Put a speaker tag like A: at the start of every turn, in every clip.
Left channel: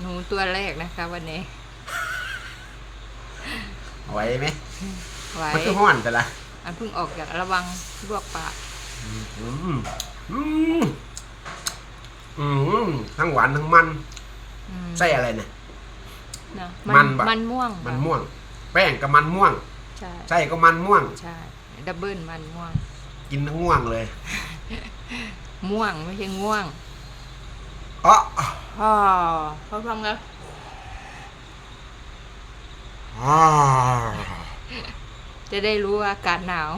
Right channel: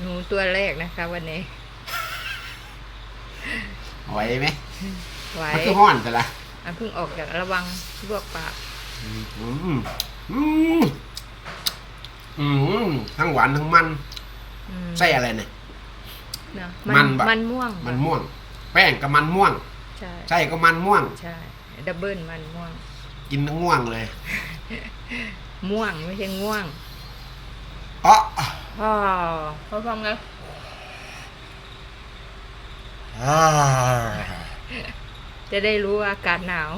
A: หนูตัวแรกนะคะ วันนี้
B: ไหวไหม
A: ไหว
B: มันคือห้อนแต่ละ
A: อันเพิ่งออกจากระวังลวกปาก
B: อืมอืมอืมอืมทั้งหวานทั้งมัน
A: อืม
B: ไส้อะไรเนี่ย
A: เนอะ
B: มันบะ
A: มันม่วง
B: มันม่วง แป้งก็มันม่วง
A: ใช่
B: ไส้ก็มันม่วง
A: ใช่ดับเบิลมันม่วง
B: กินทั้งง่วงเลย
A: ม่วงไม่ใช่ง่วง
B: อ๋อ
A: พ่อพ่อฟังกัน
B: อ่า
A: จะได้รู้ว่าอากาศหนาว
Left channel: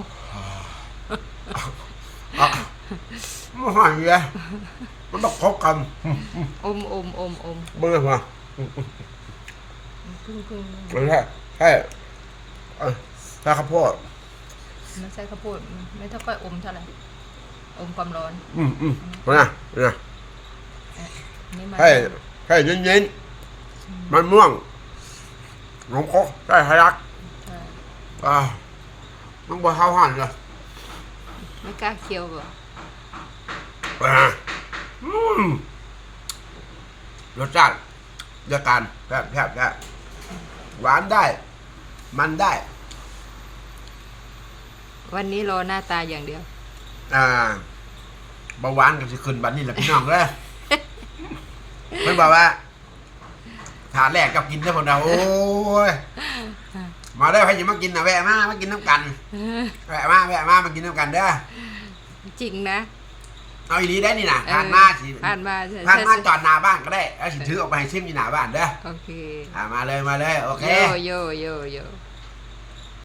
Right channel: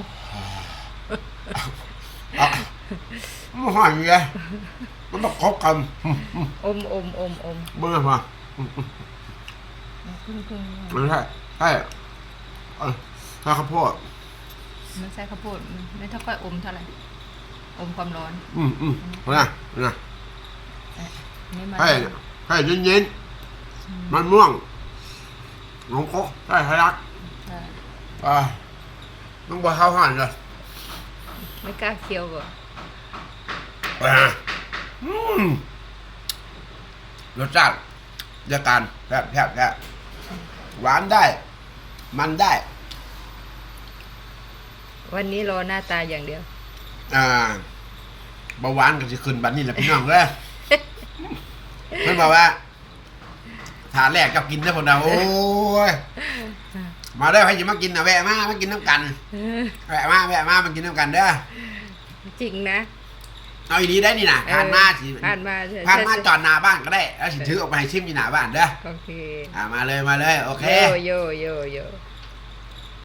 B: อะมันหอยเลยมันต้องคบกันอืมอืม
A: อมอมอมอม
B: เบื่อมา
A: เพึ่งเพึ่ง
B: ไม่ใช่ใช่เอ้ยใช่ข้าวโพด
A: ไม่ใช่ข้าวโพดไม่เท่าก้อยอมเท่าไหร่อมความร้อน
B: อืมอืมเป็นไงเป็นไง
A: อั นนี่มัน
B: ให้ให้เย็นๆมันม่วงหลงโคกได้ไฮรัก
A: ใช่
B: อ่ามันบ่เข้าหันเลย
A: ไม่กล้าเคี้ยวก่อน
B: อ่าอืมรสชาติยาการแซ่บแซ่บแซ่บหวานได้ มันได้
A: วันนี้รอหน้าตาอย่างเดียว
B: อ่าเบาหวานก็จะขึ้นบัดนี้แหละพี่น้องเลย มันบอกว่าถาแรกกับกินได้คนเดียวโอ้ยมาได้อใครจะมากินนะแวะมามากินน้ำกันแวะมาแวะมามากินน้ำกันเด้อ
A: จริงนะ
B: เอาอีนี้ได้นี่นะ
A: เออ
B: ผ่านมาสิ
A: ผ่านมาใช่
B: ผ่านมา
A: ใช่
B: จอดหน้าบ้านก็ได้แล้วสิถือออกไปให้ชิมที่หน้าบ้านเด้อ
A: โอเค
B: อ่ามาเลยมาเลยโอเค
A: โยโยโยโย